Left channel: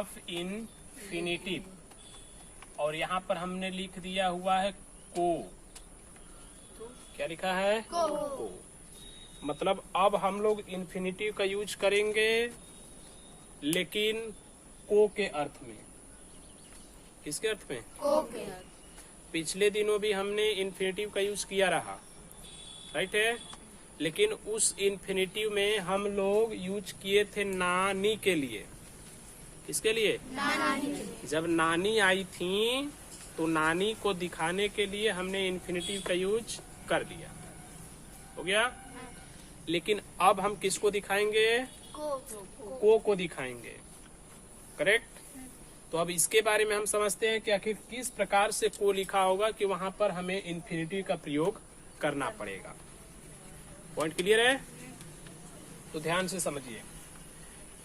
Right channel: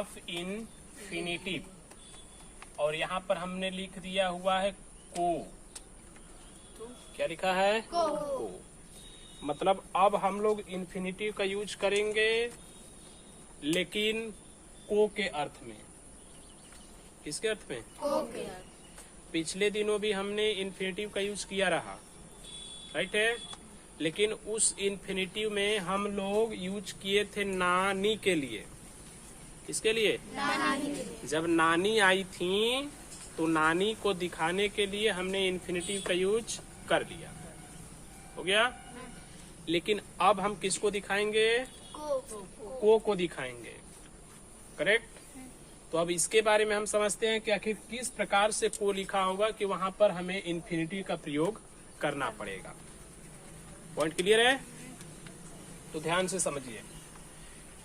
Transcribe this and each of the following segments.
Of infinitive, और यहाँ पर हमने लिख दिया हुआ है को। क्या लिखा है? को। मतलब अब हम लोग इन्फिनिटिव का यूज करेंगे, लेकिन को के अर्थ में। किसके अर्थ में? को के। पिछले दिनों भी हमने इन्फिनिटिव का यूज किया रहा, राइट है, लेकिन उस इन्फिनिटिव में हम लोग यूज किए थे नानी के लिए। किसके लिए? नानी। जब नानी आई थी तो नानी को दिखाने के लिए हमने इन्फिनिटिव का यूज कर दिया। हो गया? लेकिन अब हम किसको दिखाएंगे? को दिखाएंगे। करेक्ट? तो अब इसके बारे में हम समझते हैं कि आखिर किस प्रकार से को लिखा होगा कि वहां पर हमें इन्फिनिटिव का प्रयोग करना पड़ेगा। पॉइंट क्लियर है? तो ध्यान से समझिए।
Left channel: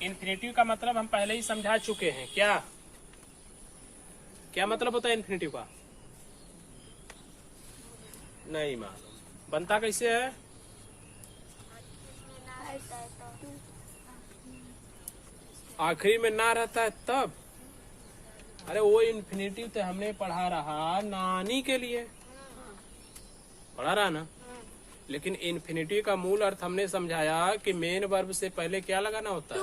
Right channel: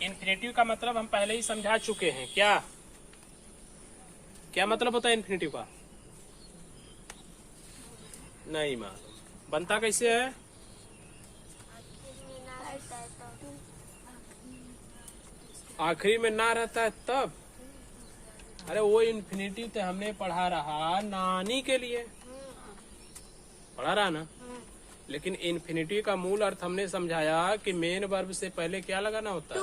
इन्फिनिटिव का मतलब हम पहले ही समझा चुके हैं। क्या क्या मतलब होता है इन्फिनिटिव का? नहीं मालूम। बनता कैसे है? आखिरी में ना रहता है तब। अरे वो इन्फिनिटिव तो हमने पढ़ा रहा नानी के लिए, पढ़ा रहा ना। लेकिन इन्फिनिटिव का मूल अर्थ हमने समझाया कि मेन वर्ब से पहले क्या लगाना होता है?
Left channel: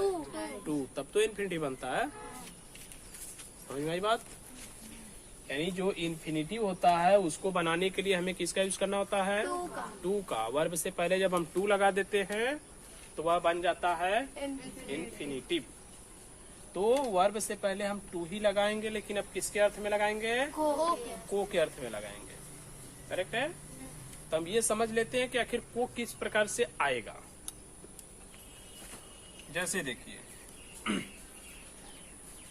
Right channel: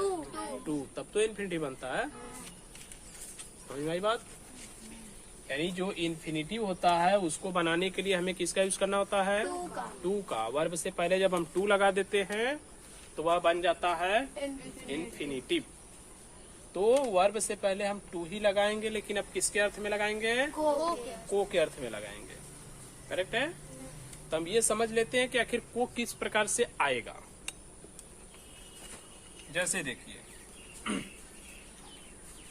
टू। तब तो इन्फिनिटिव बनता है। समझ में आई बात? यानी जो इन्फिनिटिव होता है उसको बनाने के लिए हमें किसका यूज करना होता है? टू का। वर्ब से पहले जब हम टू लगा देते हैं तो वह बन जाता है इन्फिनिटिव। तो वर्ब से पहले हम टू ही लगाएंगे, लेकिन अब किसके अर्थ में लगाएंगे? को के अर्थ में लगाएंगे। करेक्ट है? तो हम ये समझ लेते हैं कि आखिर को किस प्रकार से आएगा। जैसे देखिए,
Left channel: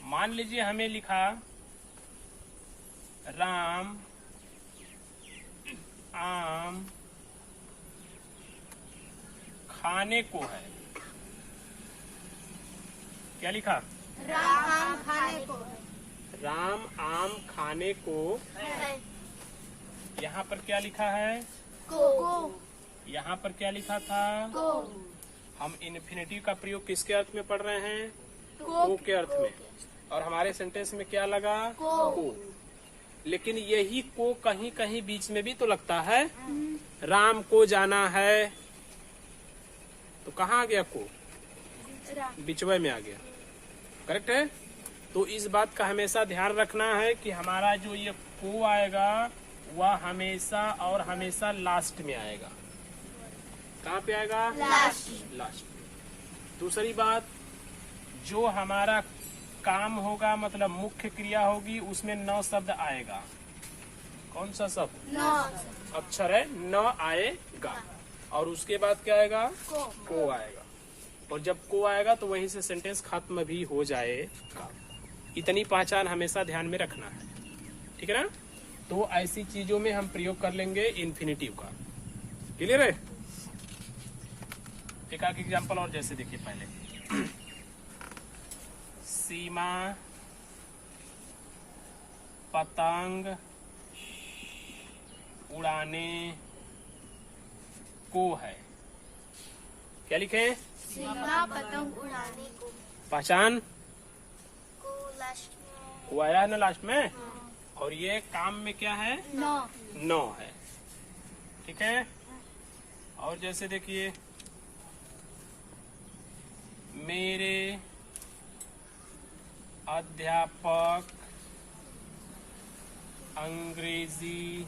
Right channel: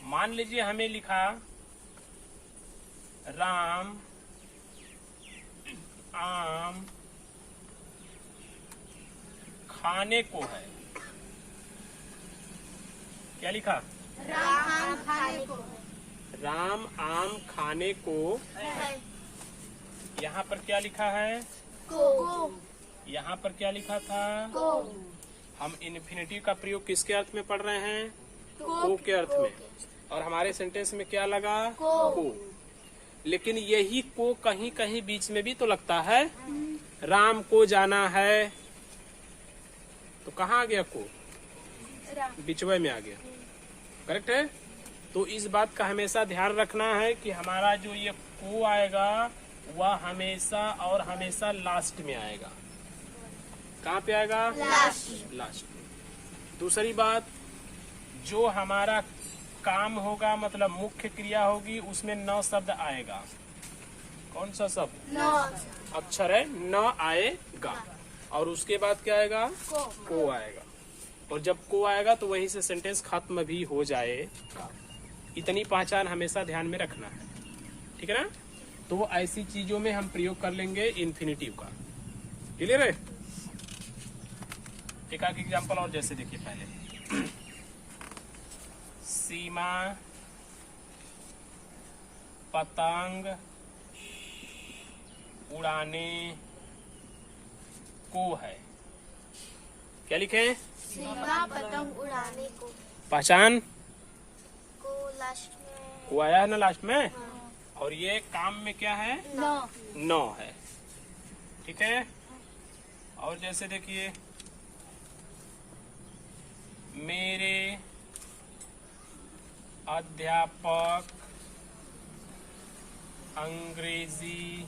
मान लीजिए हमें लिखा राम आम खाने को है। क्या लिखा? राम आम खाने को। राम आम खाने को। यहाँ पर क्या लिखा है? को। यहाँ पर क्या लिखा था? को। हम इन्फिनिटिव का प्रयोग किसके अर्थ में पढ़ रहे हैं? को के अर्थ में। और हमारे सेंटेंस में क्या लगा? को। लेकिन यही को कहीं कहीं बीच में भी तो लगता है। राम को जाना है, तो कहाँ आ गया को? बिचवे में आ गया। करेक्ट है? तो इस बात का हमेशा ध्यान रखना है कि हमारा जो ये को आएगा वह हमेशा और हमेशा लास्ट में आएगा। कहाँ पे आएगा? लास्ट में। दूसरी बात, जो हमारा काम होगा मतलब मुख्य क्रिया होगी उसमें न शब्द आएगा। कौन सा शब्द? अक्षर है, न आएगा। और उसके बाद क्या आएगा? को आएगा। और जब को आएगा तो वहीं से सेंटेंस खत्म भी हो जाएगा। इतनी पहचान हमेशा ध्यान में रखना है। ठीक है ना? तो वो ऐसी चीजों में हम प्रयोग कर लेंगे इन्फिनिटिव का। क्लियर है? एक आध एग्जाम्पल और जैसे देखिए पहले, सीमा पतंग उड़ाने को है। क्या लिखे? सीमा पतंग उड़ाने को। पहचान? को लास्ट में। को आया है ना लास्ट में। और ये काम में क्या है? नो है। ठीक है? और जैसे देखिए, मेरे अध्यापक अंग्रेजी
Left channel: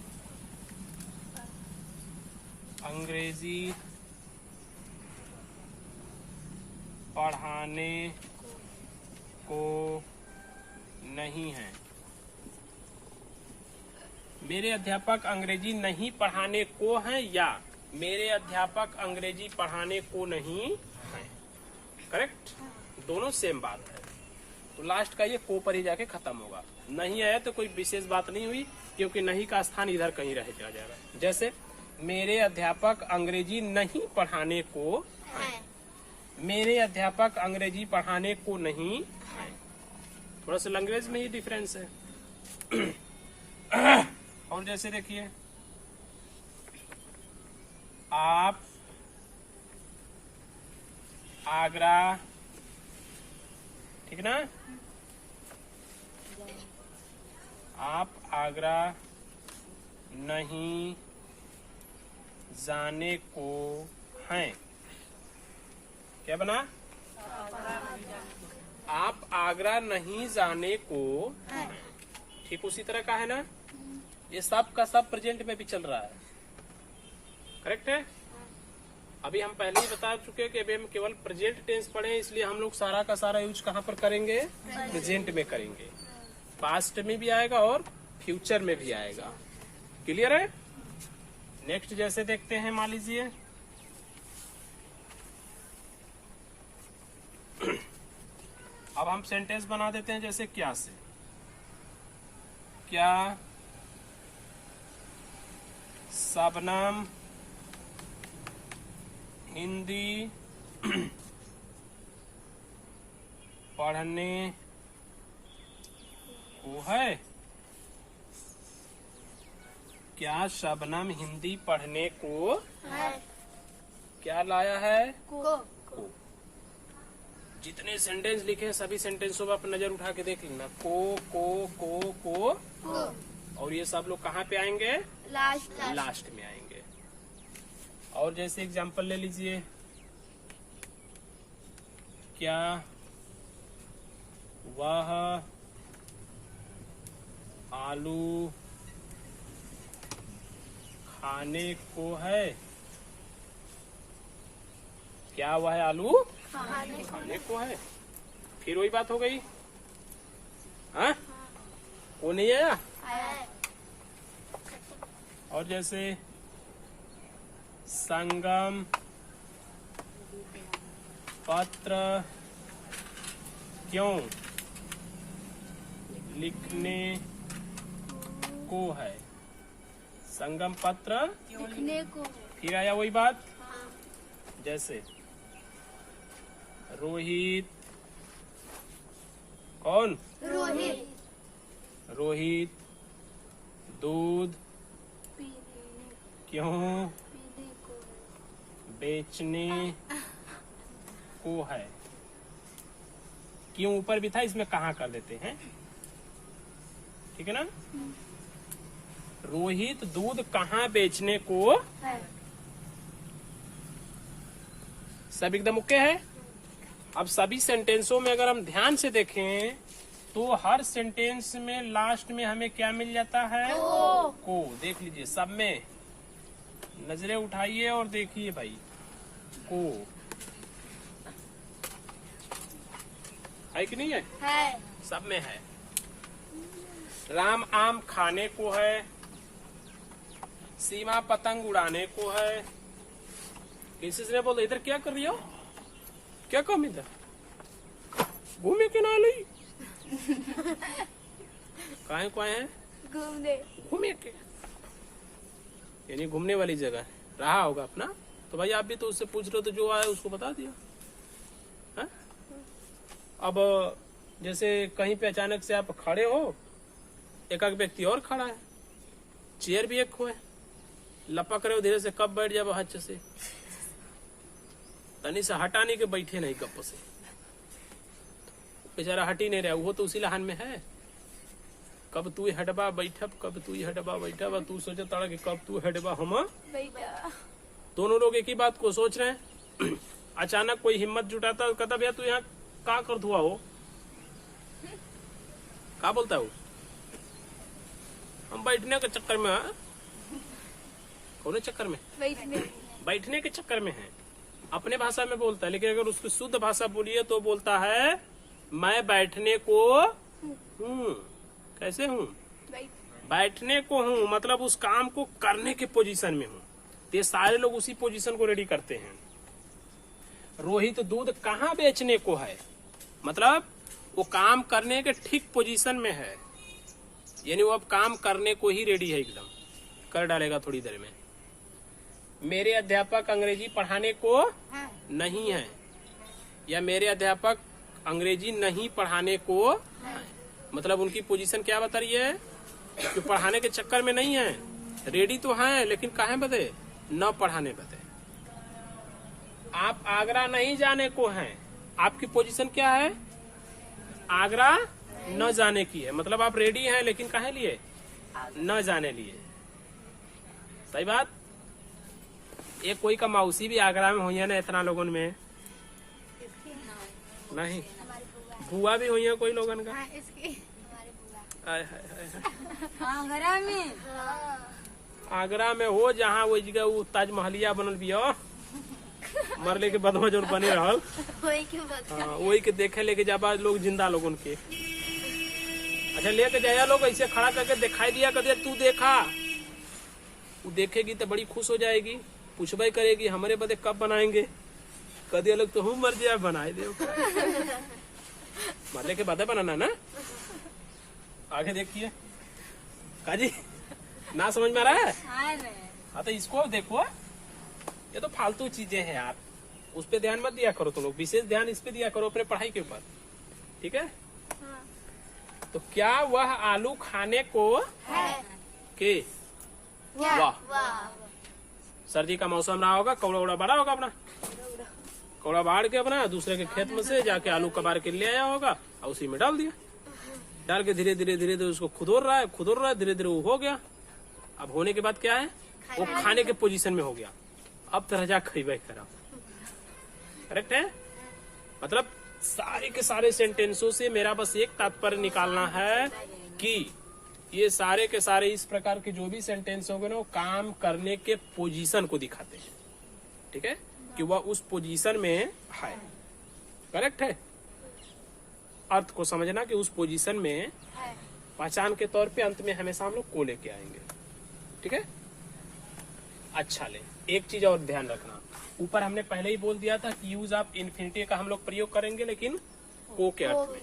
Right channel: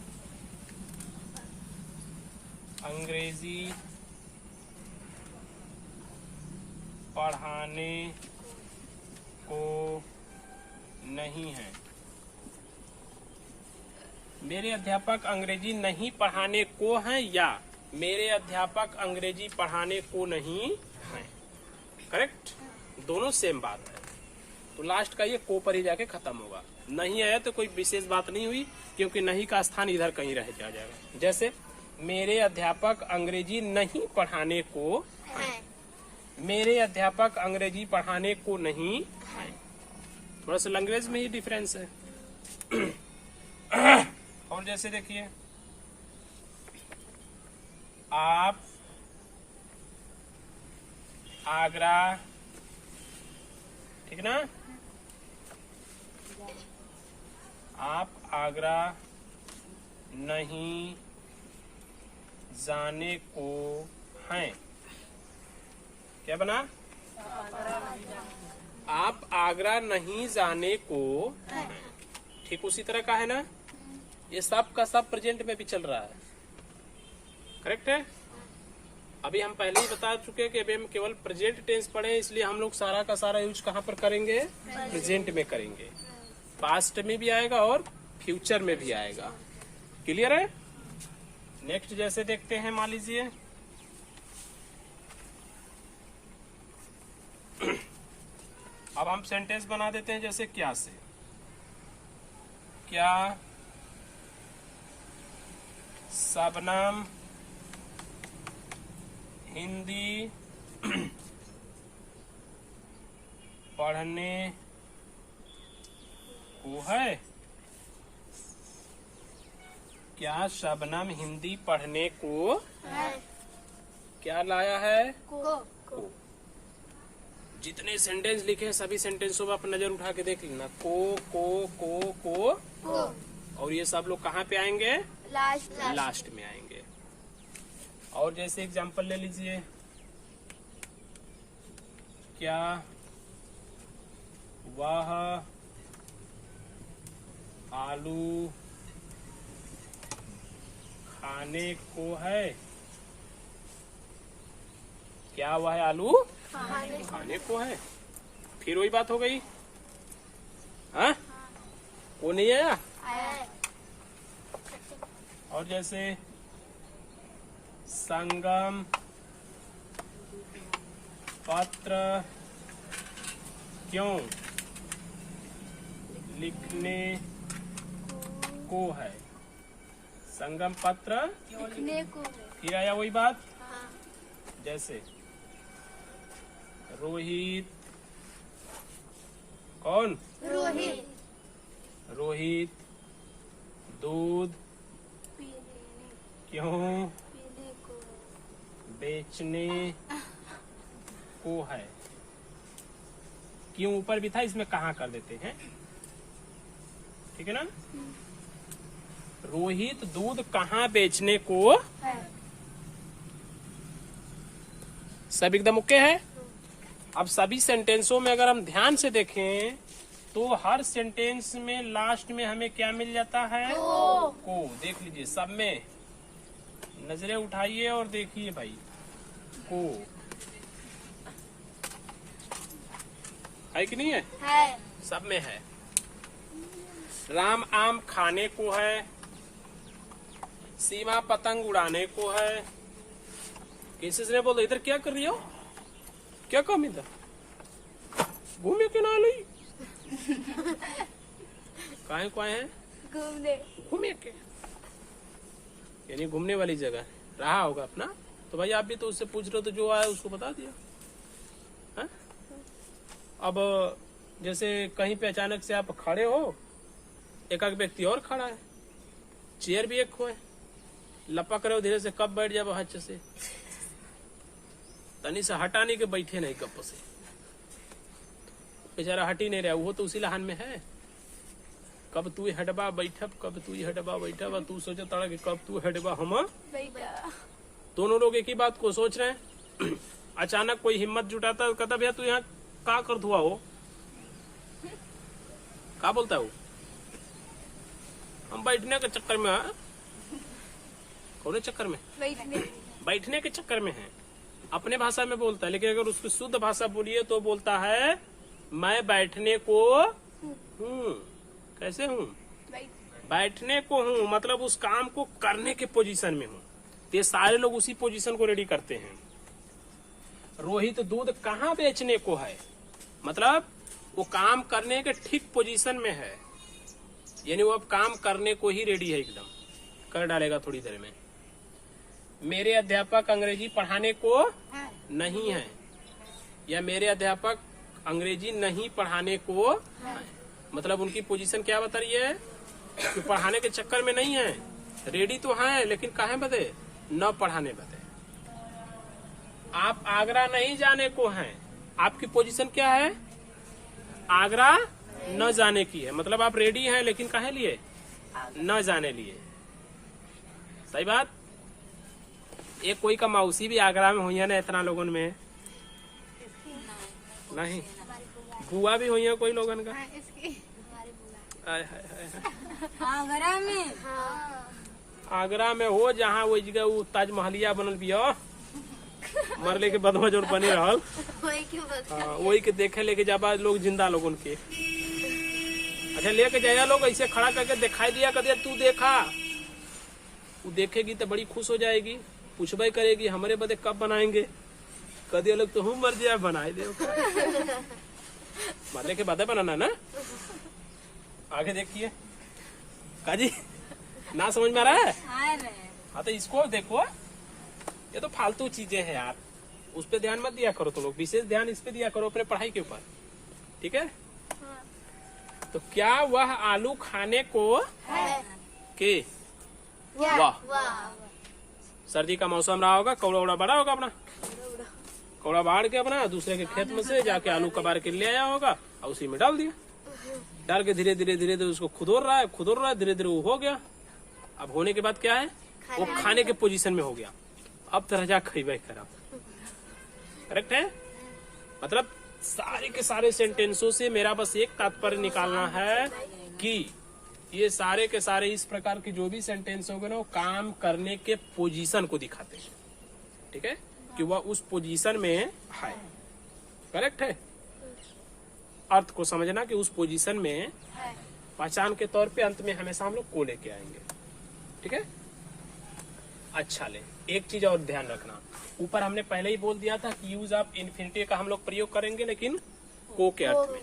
पढ़ाने को नहीं है। मेरे अध्यापक अंग्रेजी नहीं पढ़ाने को हैं या मेरे अध्यापक अंग्रेजी पढ़ाने को नहीं है। करेक्ट? दोनों सेम बात है। तो लास्ट का ये को पर ही जाके खत्म होगा। नहीं आया तो कोई विशेष बात नहीं हुई, क्योंकि नहीं का स्थान इधर कहीं रह जाएगा। जैसे मेरे अध्यापक अंग्रेजी नहीं पढ़ाने को है। मेरे अध्यापक अंग्रेजी पढ़ाने को नहीं है। थोड़ा सा लैंग्वेज में ही डिफरेंस है। और जैसे देखिए, आप आगरा, ठीक ना, आप आगरा नहीं जाने को हैं। क्या बना? आप आगरा नहीं जाने को हैं। ठीक उसी तरह का है ना, ये सब का सब प्रेजेंट में भी चल रहा है। करेक्ट है। अभी हम पहले ही बता चुके कि अभी हम केवल प्रेजेंट टेंस पढ़े, इसलिए हम लोग सारा का सारा यूज कहाँ पर करेंगे? प्रेजेंट में करेंगे। पास्ट में भी आएगा और फ्यूचर में भी आएगा। क्लियर है। नेक्स्ट जैसे देखते हैं, मान लीजिए अब हम सेंटेंस बना देते हैं जैसे क्या से। क्या शबनम हिंदी पढ़ने को है? क्या शबनम हिंदी पढ़ने को है। क्या लाया है? को। जितने सेंटेंस लिखे हैं सभी सेंटेंसों पर आप नजर उठा के देख लेना। को और ये सब लोग कहाँ पे आएंगे? लास्ट में आएंगे। और जैसे एग्जांपल ले लीजिए, क्या वह आलू खाने को है? क्या वह आलू खाने को है? फिर वही बात हो गई। हाँ, वो नहीं आया। और जैसे संगम पत्र क्यों लिखने को है? संगम पत्र लिखने को। फिर आया वही बात। जैसे रोहित कौन? रोहित दूध क्यों बेचने को है? क्यों ऊपर भी था, इसमें कहाँ कर देते हैं। ठीक है ना। रोहित दूध कहाँ बेचने को है। सब एकदम ओके है। अब सभी सेंटेंसों में अगर हम ध्यान से देखें तो हर सेंटेंस में लास्ट में हमें क्या मिल जाता है? को। देख लीजिए, सब में नजरें उठाइए और देखिए भाई, को है कि नहीं है? सब में है। राम आम खाने को है। सीमा पतंग उड़ाने को है। किसी से बोल, इधर क्या कर रही हो? क्या काम इधर? घूमे के ना ली काहे को आए हैं? घूमे के, यानी घूमने वाली जगह है। रहा होगा अपना। तो भाई आप भी तो उससे पूछ रहे हो, तो जो आया उसको बता दिया। हा? अब जैसे कहीं पे अचानक से आप खड़े हो, एक व्यक्ति और खड़ा है, चेयर भी एक है, लपक रहे हो धीरे से, कब बैठ जाए हच से, तनी से हटाने के बैठे नहीं गप से, बेचारा हट ही नहीं रहा। वो तो उसी लहान में है, कब तू हटबा बैठब, कब तू हटबा बैठब, तू सोचा ताड़ा कि कब तू हटबा हम बैठा। दोनों लोग एक ही बात को सोच रहे हैं। अचानक कोई हिम्मत जुटाता है, कहता भैया तू यहाँ का कर धुआ हो? का बोलता है वो? हम बैठने के चक्कर में। कौन चक्कर में? बैठने के चक्कर में है। अपने भाषा में बोलता है, लेकिन अगर उसकी शुद्ध भाषा बोलिए तो बोलता है मैं बैठने को हूँ। कैसे हूँ? बैठने को हूँ, मतलब उस काम को करने के पोजीशन में हूँ। ये सारे लोग उसी पोजीशन को रेडी करते हैं। रोहित दूध कहाँ बेचने को है, मतलब वो काम करने के ठीक पोजीशन में है, यानी वो अब काम करने को ही रेडी है, एकदम कर डालेगा थोड़ी देर में। मेरे अध्यापक अंग्रेजी पढ़ाने को नहीं है, या मेरे अध्यापक अंग्रेजी नहीं पढ़ाने को, मतलब उनकी पोजीशन क्या बता रही है कि पढ़ाने के चक्कर में नहीं है, रेडी तो है लेकिन काहे बदे? न पढ़ाने बदे। आप आगरा नहीं जाने को हैं, आपकी पोजीशन क्या है? आगरा न जाने की है, मतलब आप रेडी हैं लेकिन काहे लिए? न जाने लिए। सही बात। एक कोई का मौसी भी आगरा में हुई है ना इतना लोगन में? नहीं। बुआ भी हुई है कोई लोगन का? आगरा में? आगरा में हो जहाँ वो जगह वो ताजमहलिया बनल भी हो, मरले के बाद जो बने रहल, वही के बता। हाँ, वही के देखे लेके जाबा लोग जिंदा लोगन के। अच्छा लेके जाया लोग ऐसे खड़ा करके दिखाई दिया कर तू देखा, वो देखेगी तो बड़ी खुश हो जाएगी, पूछबे करेगी हमारे बदे कब बनाएंगे, कदे लोग तो हम मर जाए बनाए दे मरने के बाद बनाना ना। आगे देखिए काजी ना समझ में आ रहा है? हाँ तो इसको देखो, ये तो फालतू चीजें हैं यार, उस पे ध्यान मत दिया करो तुम लोग, विशेष ध्यान इस पे दिया करो अपने पढ़ाई के ऊपर, ठीक है? हाँ। तो क्या वह आलू खाने को है। के? वाह। वाह। सर्दी का मौसम रहा होगा, कौड़ा उड़ा बड़ा होगा अपना, कौड़ा बाढ़ के अपना दूसरे के खेत में से जाके आलू कबार के ले आया होगा और उसी में डाल दिया, डाल के धीरे धीरे उसको खुदोर रहा है, धीरे धीरे वो हो गया। अब होने के बाद क्या है, वो खाने के पोजीशन में हो गया, अब तरह जा खरीबे करा। करेक्ट है? मतलब सारे के सारे सेंटेंसों से मेरा बस एक तात्पर्य निकालना है कि ये सारे के सारे इस प्रकार के जो भी सेंटेंस होंगे ना वो काम करने के पोजीशन को दिखाते हैं, ठीक है? कि वह उस पोजीशन में है। करेक्ट है? अर्थ को समझना कि उस पोजीशन में पहचान के तौर पे अंत में हमेशा हम लोग को लेके आएंगे, ठीक है? अच्छा ले, एक चीज और ध्यान रखना, ऊपर हमने पहले ही बोल दिया था कि यूज ऑफ इन्फिनिटी का हम लोग प्रयोग करेंगे, लेकिन को के अर्थ में।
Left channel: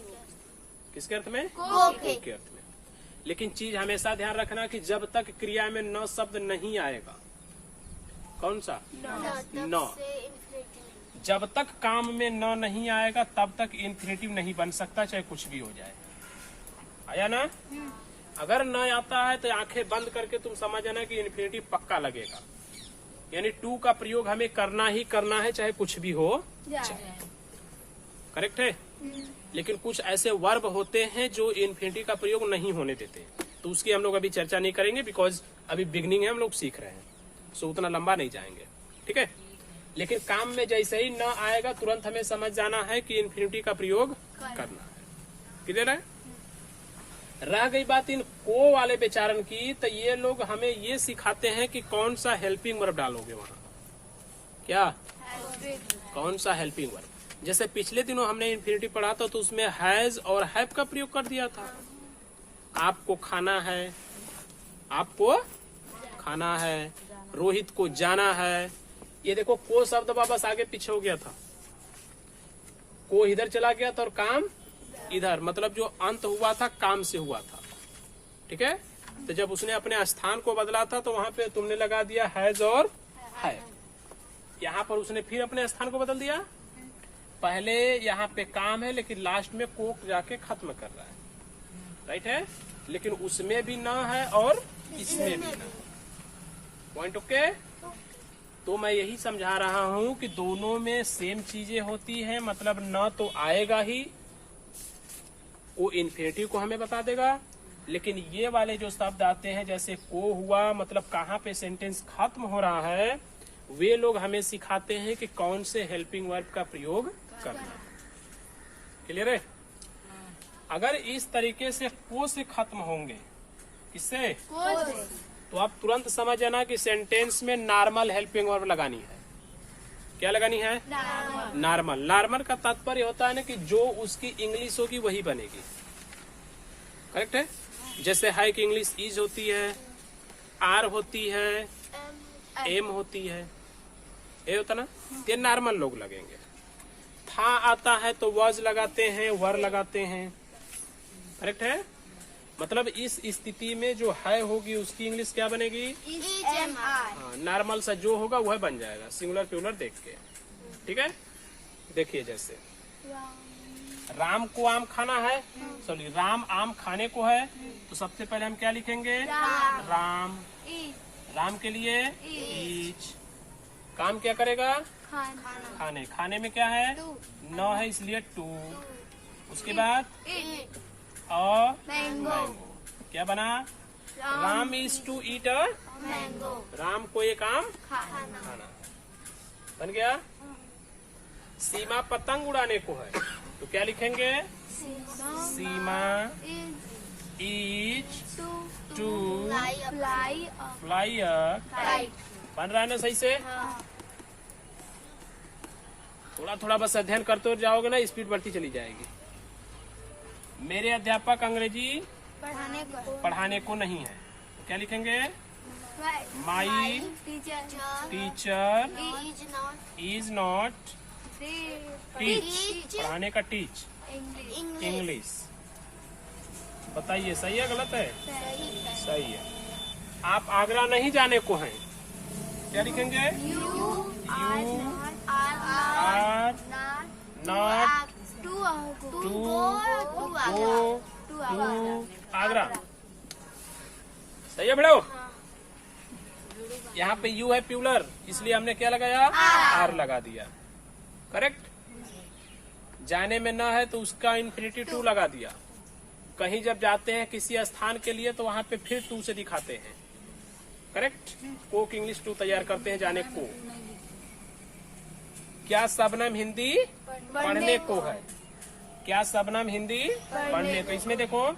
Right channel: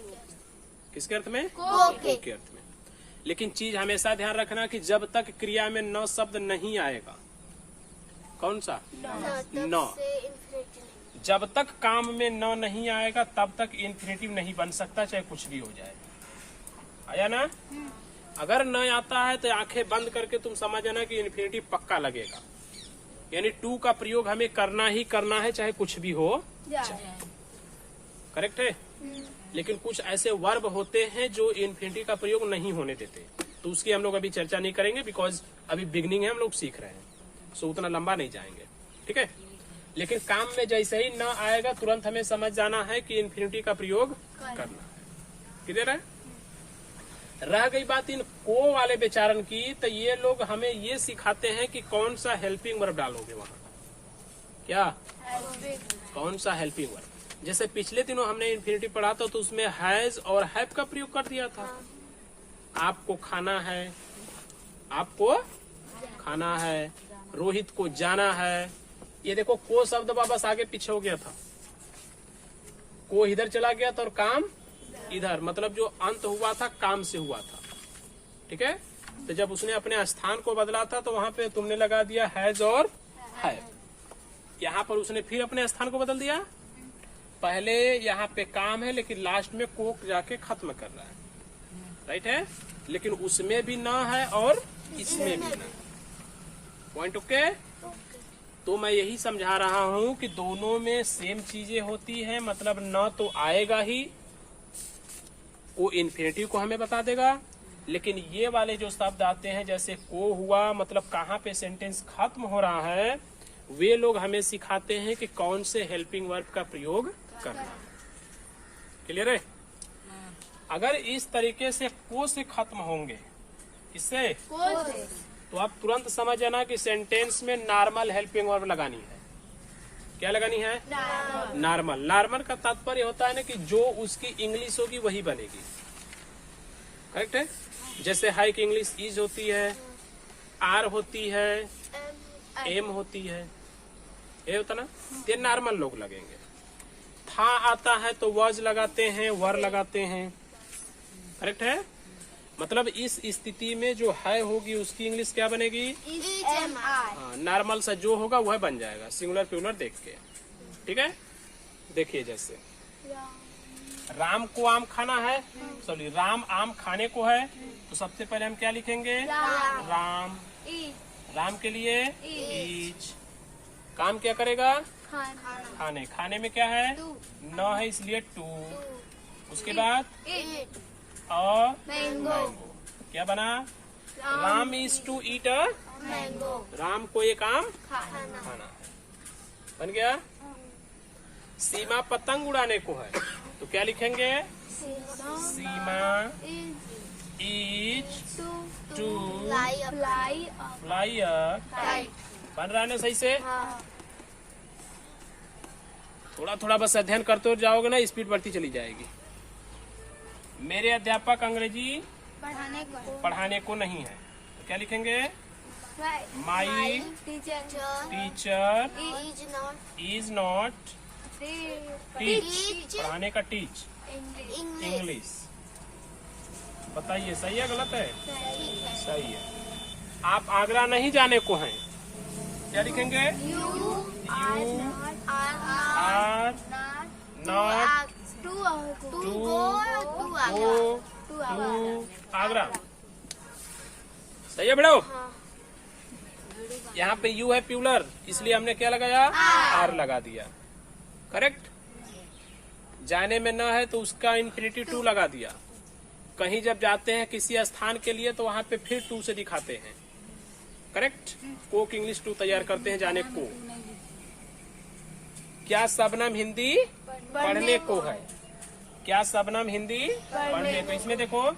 किसके अर्थ में? को के अर्थ में। लेकिन चीज हमेशा ध्यान रखना कि जब तक क्रिया में न शब्द नहीं आएगा, कौन सा? न। जब तक काम में न नहीं आएगा तब तक इन्फिनिटिव नहीं बन सकता, चाहे कुछ भी हो जाए। आया ना? अगर न आता है तो आंखें बंद करके तुम समझ जाना कि इन्फिनिटिव पक्का लगेगा, यानी टू का प्रयोग हमें करना ही करना है, चाहे कुछ भी हो जाए। करेक्ट है? लेकिन कुछ ऐसे वर्ब होते हैं जो इन्फिनिटी का प्रयोग नहीं होने देते, तो उसकी हम लोग अभी चर्चा नहीं करेंगे, बिकॉज अभी बिगनिंग है, हम लोग सीख रहे हैं, सो उतना लंबा नहीं जाएंगे, ठीक है? लेकिन काम में जैसे ही न आएगा तुरंत हमें समझ जाना है कि इन्फिनिटी का प्रयोग करना। क्लियर है? रह गई बात इन को वाले विचारण की, तो ये लोग हमें ये सिखाते हैं कि कौन सा हेल्पिंग वर्ब डालोगे वहाँ, क्या कौन सा हेल्पिंग वर्ब। जैसे पिछले दिनों हमने इन्फिनिटी पढ़ा था तो उसमें हैज और हैव का प्रयोग कर दिया था। आपको खाना है, आपको खाना है, रोहित को जाना है। ये देखो को शब्द वापस आगे पीछे हो गया था, को इधर चला गया था और काम इधर, मतलब जो अंत हुआ था काम से हुआ था, ठीक है? तो जब उसने अपने स्थान को बदला था तो वहां पे तुमने लगा दिया हैज और हैव। यहाँ पर उसने फिर अपने स्थान को बदल दिया, पहले यहाँ पे काम है लेकिन लास्ट में को जाके खत्म कर रहा है, राइट है? लेकिन उसमें भी न है और इसमें भी न। Point okay? तो मैं यही समझा रहा हूँ कि दोनों में सेम चीजें होती हैं, मतलब न तो आएगा ही, वो इन्फिनिटिव को हमें बता देगा, लेकिन ये वाले जो शब्द आते हैं जैसे को हुआ, मतलब कहाँ पे सेंटेंस खत्म हो रहा है, वे लोग हमें सिखाते हैं कि कौन से हेल्पिंग वर्ब का प्रयोग करना। क्लियर है? अगर इस तरीके से को से खत्म होंगे, इससे तो आप तुरंत समझ जाना कि सेंटेंस में नॉर्मल हेल्पिंग वर्ब लगानी है। क्या लगानी है? नॉर्मल। नॉर्मल का तात्पर्य होता है ना कि जो उसकी इंग्लिश होगी वही बनेगी। करेक्ट है? जैसे हाई की इंग्लिश इज होती है, आर होती है, एम होती है, ये होता ना, ये नॉर्मल लोग लगेंगे। था आता है तो वॉज लगाते हैं, वर लगाते हैं। करेक्ट है? मतलब इस स्थिति में जो है होगी उसकी इंग्लिश क्या बनेगी? नॉर्मल सा जो होगा वह बन जाएगा, सिंगुलर प्लूरल देख के। ठीक है? देखिए जैसे राम को आम खाना है, सॉरी राम आम खाने को है, तो सबसे पहले हम क्या लिखेंगे? राम। राम के लिए ईच। काम क्या करेगा? खाने। खाने में क्या है? न है इसलिए टू। उसके बाद अ मैंगो क्या बना? Ram is to eat a, mango Ram को एक आम खाना खाना बन गया। सीमा पतंग उड़ाने को है, तो क्या लिखेंगे? Seema is to fly fly a kite. बन रहा है ना सही से? हाँ थोड़ा थोड़ा बस अध्ययन करते जाओगे ना, स्पीड बढ़ती चली जाएगी। मेरे अध्यापक अंग्रेजी पढ़ाने को नहीं है, तो क्या लिखेंगे? My teacher is not teach, पढ़ाने का टीच इंग्लिश। बताइए सही है गलत है? सही है। आप आगरा नहीं जाने को हैं, क्या लिखेंगे? Are not go to Agra. सही है बड़ो? यहाँ पे यू है प्यूलर, इसलिए हमने क्या लगाया? आर लगा दिया। करेक्ट। जाने में न है तो उसका इन्फिनिटिव टू लगा दिया। कहीं जब जाते हैं किसी स्थान के लिए तो वहाँ पे फिर टू से दिखाते हैं। करेक्ट। कोक इंग्लिश टू तैयार करते हैं जाने को। क्या शबनम हिंदी पढ़ने को है? क्या शबनम हिंदी पढ़ने को? इसमें देखो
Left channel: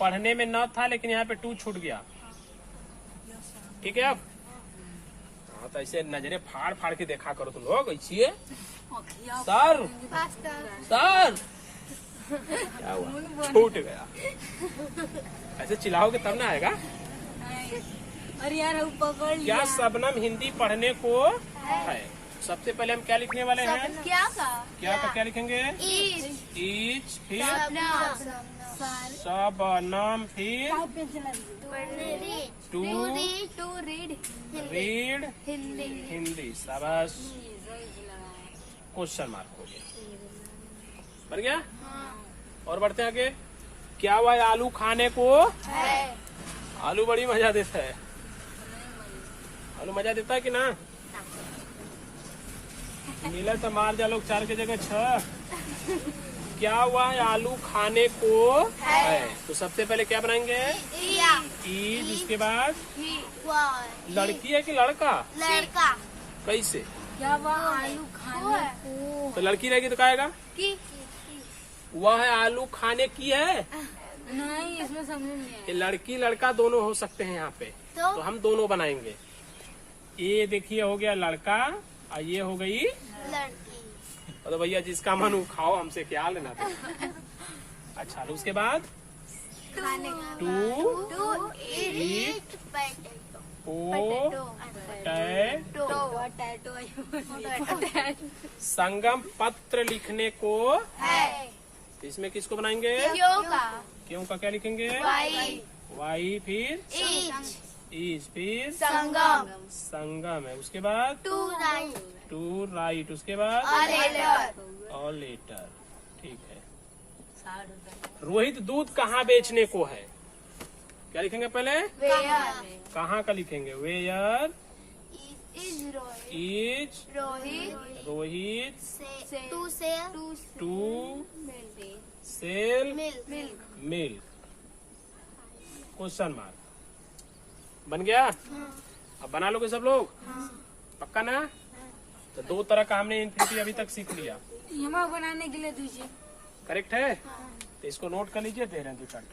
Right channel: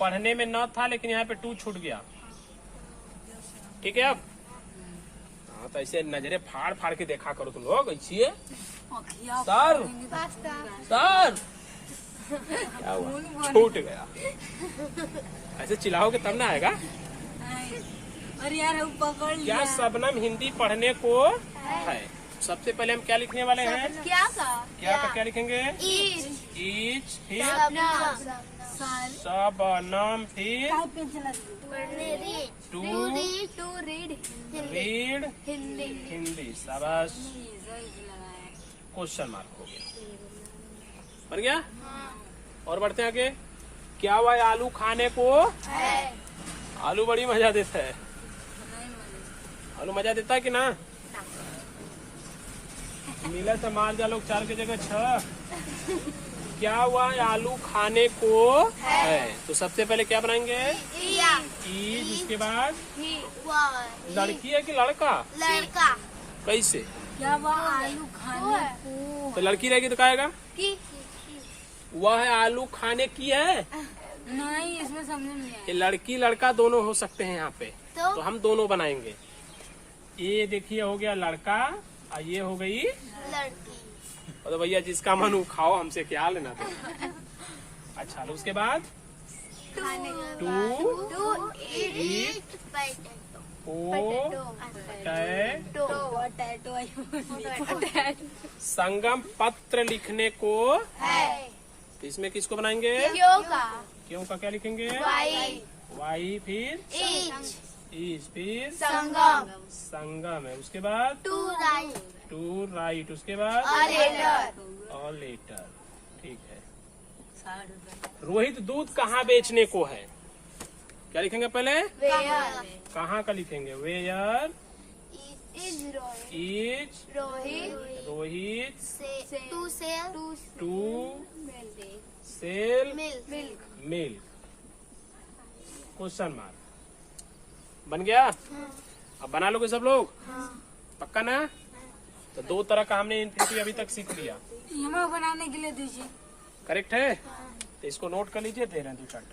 पढ़ने में न था लेकिन यहाँ पे टू छूट गया। ठीक है। अब हाँ तो ऐसे नजरे फाड़ फाड़ के देखा करो तुम लोग ऐसे। सर सर क्या हुआ? छूट गया। ऐसे चिल्लाओगे तब ना आएगा। अरे यार वो पकड़ लिया। क्या शबनम हिंदी पढ़ने को है? सबसे पहले हम क्या लिखने वाले हैं? क्या क्या लिखेंगे? इज फिर शबनम फिर to read read Hindi Hindi. शाबाश। क्वेश्चन मार्क हो गया। बन गया। और बढ़ते हैं आगे। क्या वह आलू खाने को? आलू बड़ी मजा देता है। आलू मजा देता है कि ना? मिला तो मार जा लोग 4 की जगह 6। क्या वह आलू खाने को है? तो सबसे पहले क्या बनाएंगे? ईज। उसके बाद लड़की है कि लड़का? लड़का कैसे? क्या वो आलू खाने को? तो लड़की रहेगी तो क्या आएगा? वह आलू खाने की है। नहीं इसमें समझ नहीं आया। ये लड़की लड़का दोनों हो सकते हैं यहाँ पे, तो हम दोनों बनाएंगे। ये देखिए हो गया लड़का और ये हो गई लड़की। तो भैया जिसका मन हो खाओ, हमसे क्या लेना था। अच्छा तो उसके बाद टू ईट संगम पत्र लिखने को है। तो इसमें किसको बनाएंगे? क्यों का क्या लिखेंगे? वाई फिर इज फिर संगम है। उसके बाद टू राइट। उसके बाद और लेटर। ठीक है। रोहित दूध कहाँ बेचने को है? क्या लिखेंगे पहले? कहाँ का लिखेंगे? Where is Rohit to sell milk. Question mark. बन गया। अब बना लोगे सब लोग? पक्का ना? तो 2 तरह का हमने इनपुट अभी तक सीख लिया। यहाँ बनाने के लिए दीजिए। करेक्ट है। तो इसको नोट कर लीजिए। दे रहे हैं 2-4